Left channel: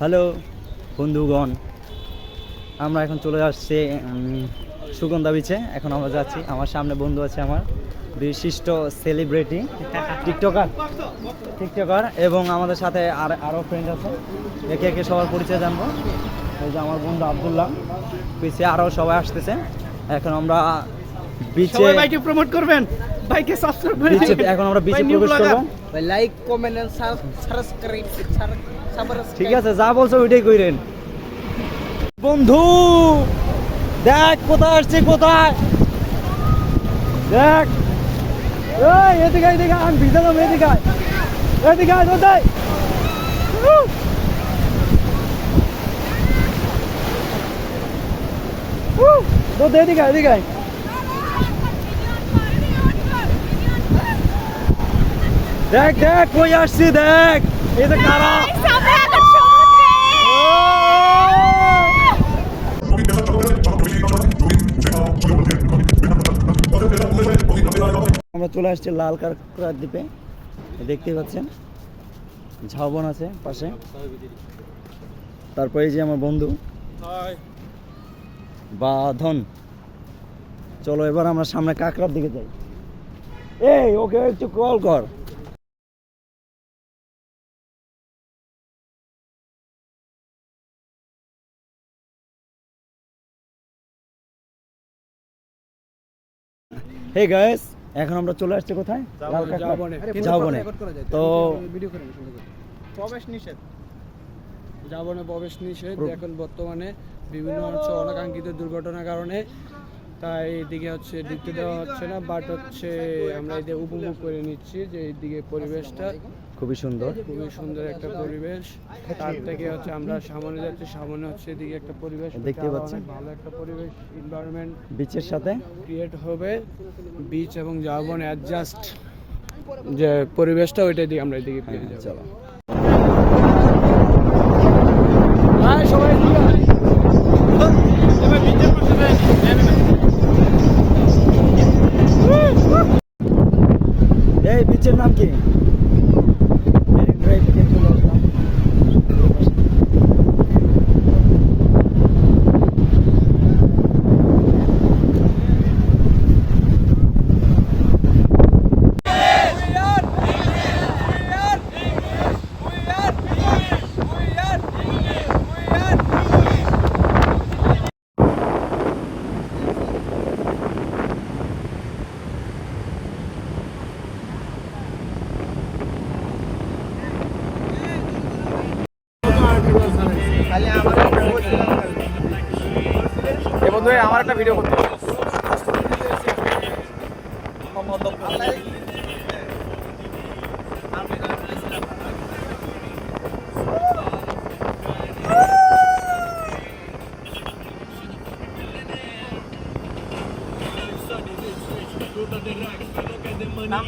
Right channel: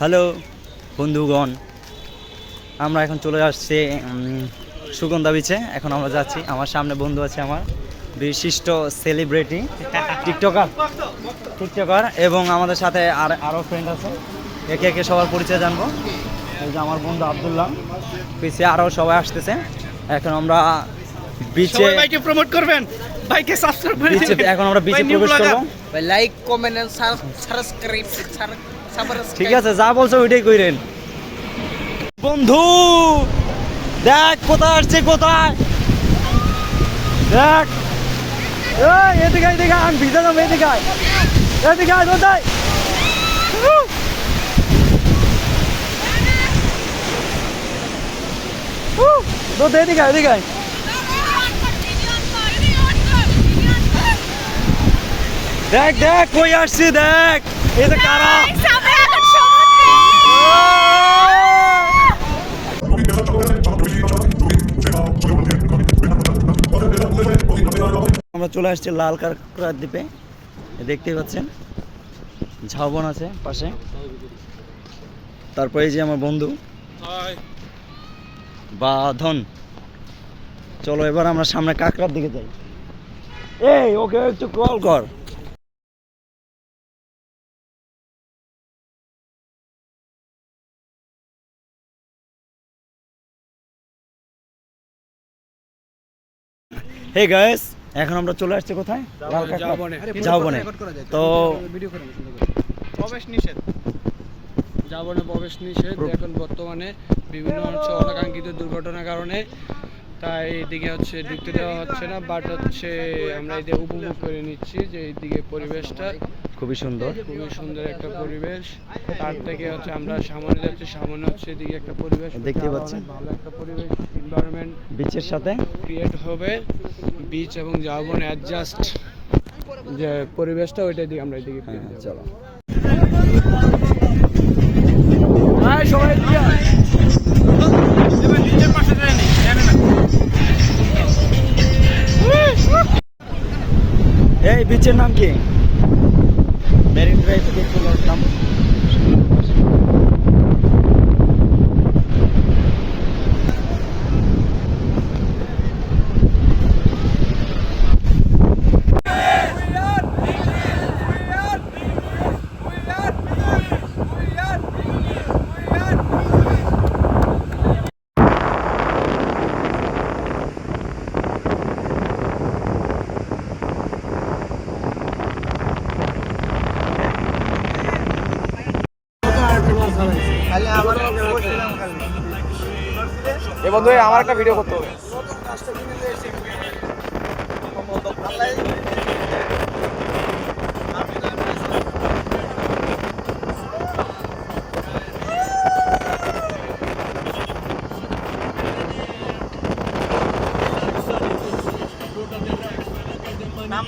Hello বন্ধুগণ, আমরা এখন চলে আসছি সুগন্ধা বিচে। এখন আমরা যাচ্ছি, আমার সামনে বন্ধু আছে, আমার বিশিষ্ট সেলিব্রিটি টিকটকার এবং আমাদের সাথে আরও ফ্রেন্ড আছে। একে একে সবার পরিচয় জানবো। এই যে আমার বন্ধু আব্দুল্লাহ, পিছিয়ে আরও সবাই আসতেছে। এখন আমরা বিচে প্রমোট করবেন, বাইকে সাবস্ক্রাইব করে বিচে এখন আমরা বিচে প্রবেশ করব। Like comment and subscribe. ঠিক আছে, যা বলছো ওইটাই কইরেন। বন্ধু দেখ কোথায় আসছে, কোথায় দেখ। এদিকে এদিকে আমি ভিজে যাবো, এদিকে এদিকে কোথায় তো এদিকে এদিকে দেখ দেখ কই আসছি, দেখ এই যে কারা। আমরা চলে আসছি লাল কাঁকড়ার দ্বীপে। দেখতেই পাচ্ছেন ঝাউবন আছে পাশে। তারপরে এই যে আমার বন্ধু বাঁধন। চলো এবার আমরা সামনে কাঁকড়ার দিকে যাই। এই ওকে একটু কল কর। হে গাইস, এখন আমরা চলে আসছি কোথায়? ঝাউবনে। তো প্রবেশ নিষেধ, ঝাউবনে প্রবেশ নিষেধ এখন বর্তমানে বিভিন্ন হচ্ছে অনাকাঙ্ক্ষিত দুর্ঘটনার কারণে, তাই এদিকে হচ্ছে ঢুকতে দেওয়া হচ্ছে না। বাট হচ্ছে আমরা এদিকে উপভোগ করে নিচ্ছি যে এইদিকে পরিবেশটা খুবই সুন্দর, খুবই সুন্দর একটা পরিবেশ। তার থেকে হচ্ছে আমরা সামনে যাচ্ছি, সামনে হচ্ছে এদিকে একটা পরিবেশ দেখতে পাচ্ছেন, ভালো একটা পরিবেশ এনভায়রনমেন্ট বিচের সাথে ক্রিয়েট হবে। বিচ এবং ঝাউবন অ্যাডজাস্ট যে পরিবেশটা ওইটা দিয়ে আমরা এদিকে পেয়ে যাব। চলো এই বিচের নাম কি? মেরিন ড্রাইভ থেকে চলে আসলাম। বন্ধু আমার একটা ভিডিও করতে হবে। নাম